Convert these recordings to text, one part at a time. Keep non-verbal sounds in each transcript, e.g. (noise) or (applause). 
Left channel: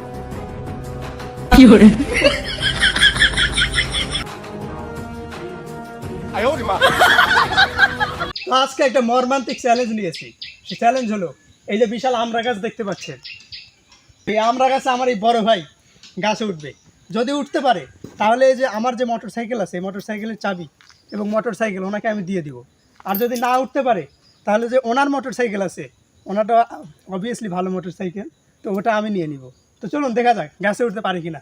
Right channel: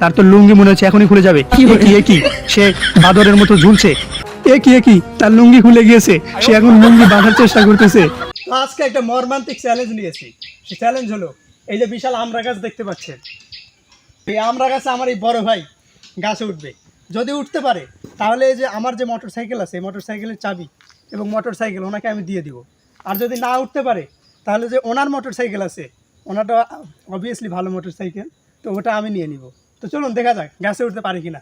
তার তো লুঙ্গি মনে হচ্ছে এখনই খুলে যাবে। কি সে বাদরের মতো ঝুলছে। এ কি কি? তার লুঙ্গি খুলে গিয়েছে। সে এখন লুঙ্গি বাঁধার চেষ্টা করতেছে। আজকে একটা মর্মান্তিক চ্যালেঞ্জ নিয়েছি। সে চ্যালেঞ্জ হলো এই যে বিশাল আমড়া গাছ দেখতে পাচ্ছেন। এই আমড়া গাছে আমার এই বড় ভাই গাছে উঠবে। যদি উঠতে পারে তাহলে এই যে আমার যে মোটর সাইকেল আছে এই মোটর সাইকেলের চাবি এবং মোটর সাইকেল ওনাকে আমি দিয়ে দিব। আর যদি না উঠতে পারে তাহলে যে ওনার মোটর সাইকেল আছে ওনারটা অবভিয়াসলি ভালো মোটর সাইকেল তো ওটা আমি নিয়ে নিব। তো চলুন দেখা যাক গাছে উঠতে পারি কিনা।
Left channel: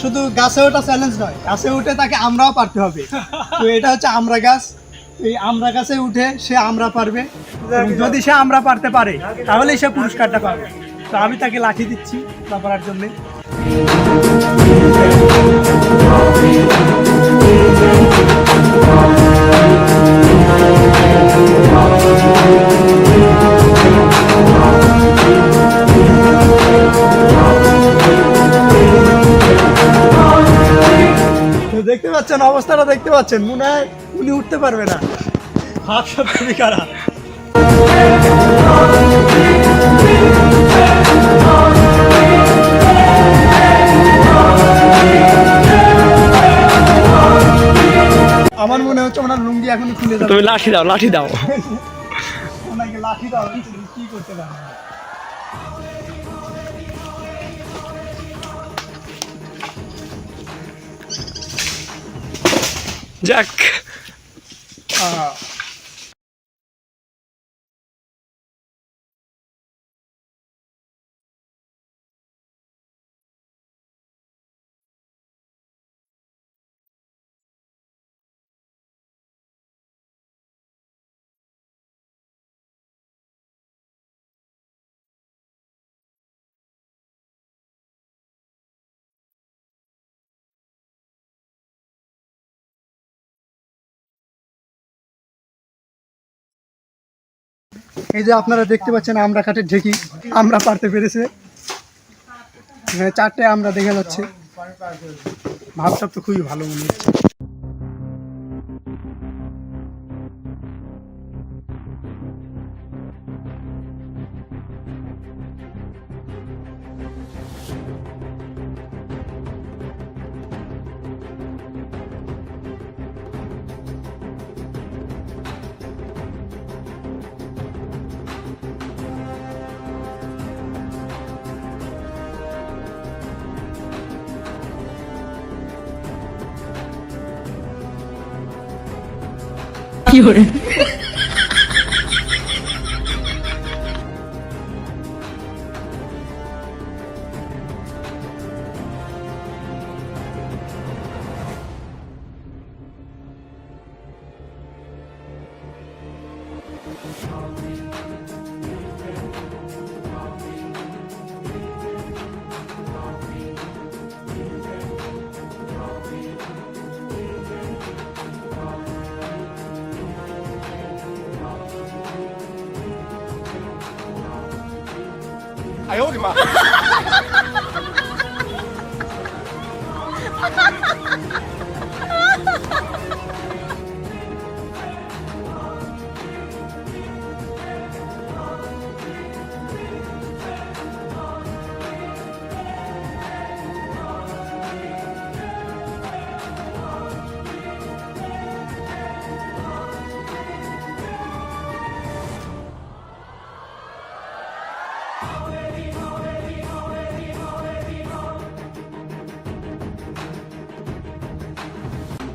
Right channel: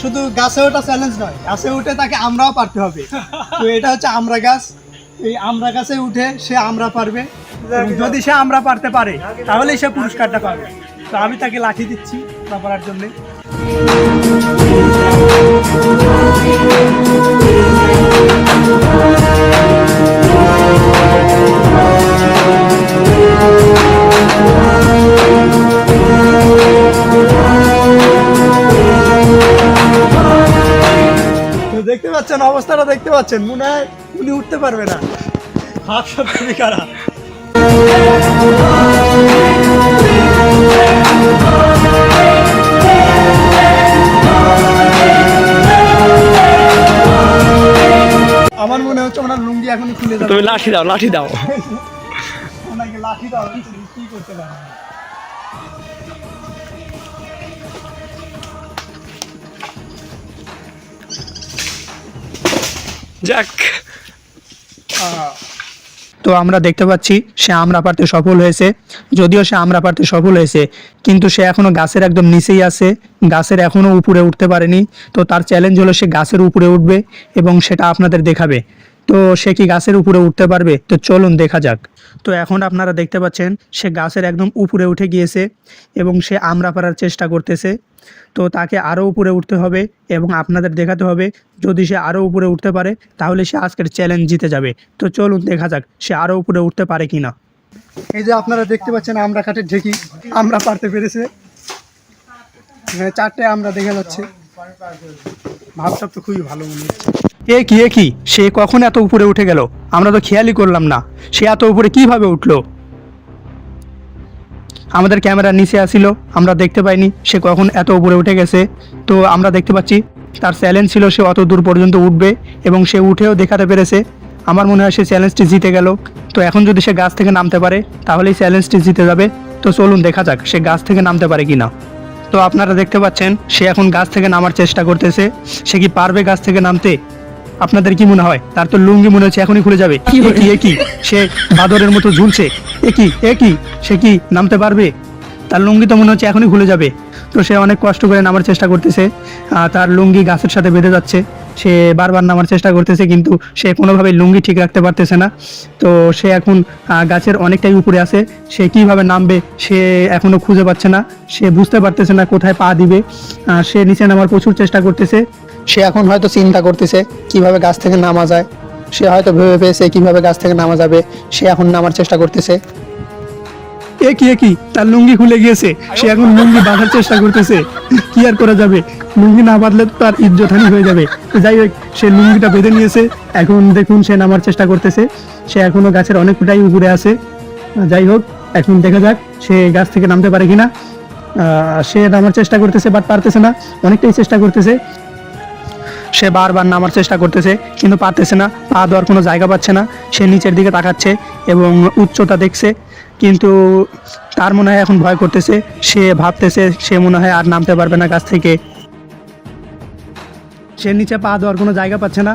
শুধু গাছে ওটা চ্যালেঞ্জ নয়, গাছে উঠে তাকে আমরাও পারতে হবে। তো এটা হচ্ছে আমরা গাছ। এই আমরা গাছে উঠে সে আমরা পারবে। যদি সে আমরা পারতে পারে, তাহলেই সে পুরস্কারটা পাবে। তো আমি তাকে লাঠি দিচ্ছি না পারার জন্যে। পাচ্ছেন অবস্থাটা দেখতে পাচ্ছেন। মনে হয় উনি উঠতে পারবে না। হাত সব খুবই খারাপ। আমার মনে হচ্ছে ওনার লুঙ্গি এখনই খুলে যাবে। তুমি লাঠি দাও লাঠি দাও। ওনাকে লাঠি দাও কি করতে পারে যাক। তো আমরা দেখতে পাচ্ছি সে আমরা পারতে সফল হয়েছে। যদিও সে আমরা পারতে সফল হয়েছে, কিন্তু সে এখনও গাছের একদম নিচেই আছে, গাছের এখনও উপরে উঠতে পারেনি। তো তার চ্যালেঞ্জ হলো সে গাছের উপরে উঠবে এবং সেটা আপনাদের দেখাবে। তো সে কি গাছের উপরে উঠতে পারবে? তো চলুন দেখা যাক। তো এখন আপনারা দেখতে পাচ্ছেন সে গাছের একদম উপরে উঠে গিয়েছে এবং সে আমরা পারার চেষ্টা করতেছে। তো তাকে আরও উপরে উঠতে হবে এবং আপনাদের দেখাতে হবে যদি সে আরও উপরে উঠতে পারে তাহলে সে আজকের চ্যালেঞ্জ জিতে যাবে। তো চলুন দেখা যাক সে আরও উপরে উঠতে পারে কিনা। এই যে আপনারা দেখতে পাচ্ছেন আমরা কাঠের ঢেকি আমরা পারতে পেরেছে। হ্যাঁ, চারটে আমরা দেখা যাচ্ছে। ভাবটা তো খুবই ভালো মনে হচ্ছে। এ কি এ কি? সে কখন এত উপরে উঠে গেল? আমরা তো খেয়ালই করলাম না। সে এত উপরে কীভাবে উঠল? আমাদের ক্যামেরার নিচে আসিল, আমরা দেখতে পাইনি সে কখন এত উপরে উঠে গেছে। তো আমরা দেখতে পাচ্ছি তার চ্যালেঞ্জ ছিল সে অত দূর পর্যন্ত উঠবে এবং সে উঠেও দেখাতে পেরেছে। আমার মনে হয় সে চ্যালেঞ্জটি জিতে গেল। তো এখন যদি সে গাছ থেকে নামতে পারে, তাহলেই চ্যালেঞ্জটি জিতে যাবে। তো চলুন দেখা যাক সে গাছ থেকে নামতে পারে কি না তো আপনারা দেখতে পাচ্ছেন, সে এখন গাছ থেকে নামার চেষ্টা করতেছে। সে কি পারবে গাছ থেকে নামতে? আপনাদের কি মনে হয়? তার তো লুঙ্গি মনে হচ্ছে এখনই খুলে যাবে। এ কি? সে বাদরের মতো ঝুলছে। এ কি এ কি? সে কি নামতে পারবে? তার লুঙ্গি তো মনে হচ্ছে এখনই খুলে যাবে। তো সে অনেক কষ্ট করে নামার চেষ্টা করতেছে। তার লুঙ্গি গাছের সাথে বেঁধে যাচ্ছে। সে বারবার নামার চেষ্টা করতেছে, কিন্তু সে কোনোভাবে লুঙ্গি ঠিক রাখতে পারতেছে না। তো সে এখন গাছের অনেকটাই উপরে আছে। সে কীভাবে নামবে, সে এখনও খুঁজে পাচ্ছে না। সে বুঝতে পারতেছে না কোথায় পা দিবে। সে নিচে নামার প্রচুর চেষ্টা করতেছে। সে এখন হয়তো চিন্তা করতেছে, কীভাবে গাছ থেকে নামা যায়। সে হয়তো ভেবে পেয়েছে কীভাবে গাছ থেকে নামা যাবে। সে এখন নামার চেষ্টা করতেছে। এ কি এ কি তার লুঙ্গি খুলে গিয়েছে। সে এখন লুঙ্গি বাঁধার চেষ্টা করতেছে। কি আর করা যাবে? লুঙ্গি না বাঁধলে তো তার ইজ্জতহানি হয়ে যাবে। যাই হোক সে লুঙ্গিটা বেঁধে নিয়েছে। এখন দেখুন সে নামার চেষ্টা করতেছে। সে এখনও গাছের অনেকটাই উপরে আছে। যাই হোক এখন দেখা যাক সে গাছ থেকে নামতে পারে কিনা। সে নামার চেষ্টা করতেছে বাট পারতেছে না। অনেকটাই চেষ্টা করতেছে। সে বারবার নামার চেষ্টা করতেছে কিন্তু পারতেছে না। পা দেওয়ার কোনো জায়গা পাচ্ছে না। সে নিচের দিকে তাকাচ্ছে এবং উচ্চতা দেখছে। কিন্তু তার মনে হয় এখন ভয় করতেছে। সে ভাবতেছে সে মনে হয় আর নামতে পারবে না গাছ থেকে। সে নিচে পা দেওয়ার কোনো জায়গা পাচ্ছে না।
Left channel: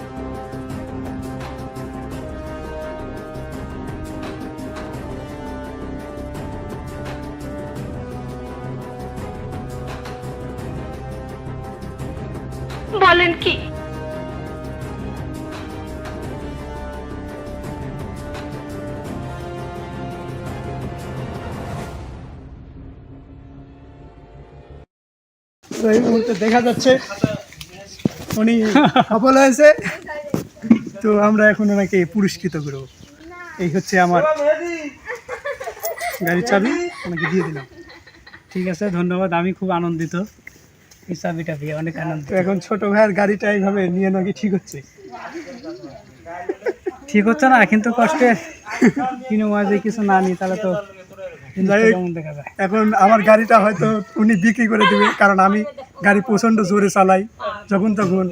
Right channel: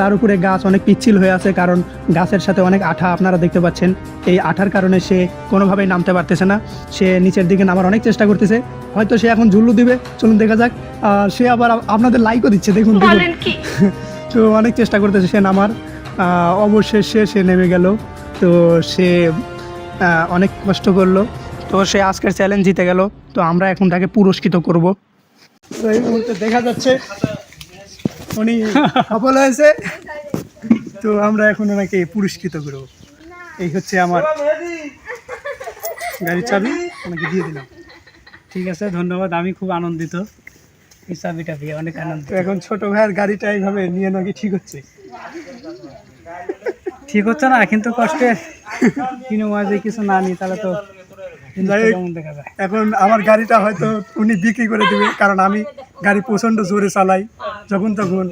তার উপরে গাছ অনেক পিচ্ছিল হয়ে আছে কারণ গাছের সাথে অনেক আঠা আপনারা দেখতে পাচ্ছেন। এই আঠার কারণে সে কোনোভাবেই নামতে পারতেছে না। সে নিচের দিকে নামার অনেক চেষ্টা করতেছে। হয়তো সে এখন ঝুল্লু দিবে। চলুন দেখা যাক। সে আবার আপনাদের লাইকও দিচ্ছে দেখুন (laughs) তো অনেক চেষ্টা করতেছে সে নামার। অবশেষে সে নেমে গেল। তো সে অনেক কষ্ট করল। তো সে আজকের চ্যালেঞ্জ জিতে গেল। তো আমরা এখন তাকে পুরস্কৃত করব। তো এই মুহূর্তে দেখা যাচ্ছে উনি সফল হয়েছে। তো আমরা এখন ওনাকে পুরস্কৃত করব। এই হচ্ছে আমার গাড়ির চাবি, ওনাকে দিয়ে দিলাম। ঠিক আছে, ধন্যবাদ। আমি খুব আনন্দিত। এই চাবিটা পেয়ে অনেক আনন্দ এখন ছোট ভাইয়ের গাড়িটা এইভাবে নিয়ে নাকি ঠিক হচ্ছে? ঠিক হচ্ছে না, কিন্তু কষ্টের কিনে মাঝে কিছু না নি তাহলে তো এখন আমার গাড়িটা হয়তো উনি বিক্রি করে দেবে, কারণ আমি গাড়ি প্রচণ্ড জোরে চালাই। যখন তখন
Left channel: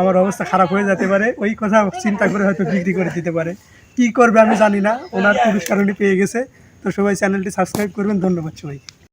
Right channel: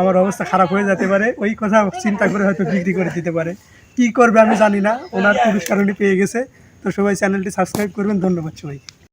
আমার অবস্থা খারাপ হয়ে যেতে পারে, ওই কথা চিন্তা করে হয়তো বিক্রি করে দিতে পারে। কি করবে আমি জানি না, ওনার পুরস্কার উনি পেয়ে গেছে। তো সবাই চ্যানেলটি সাবস্ক্রাইব করবেন, ধন্যবাদ সবাইকে।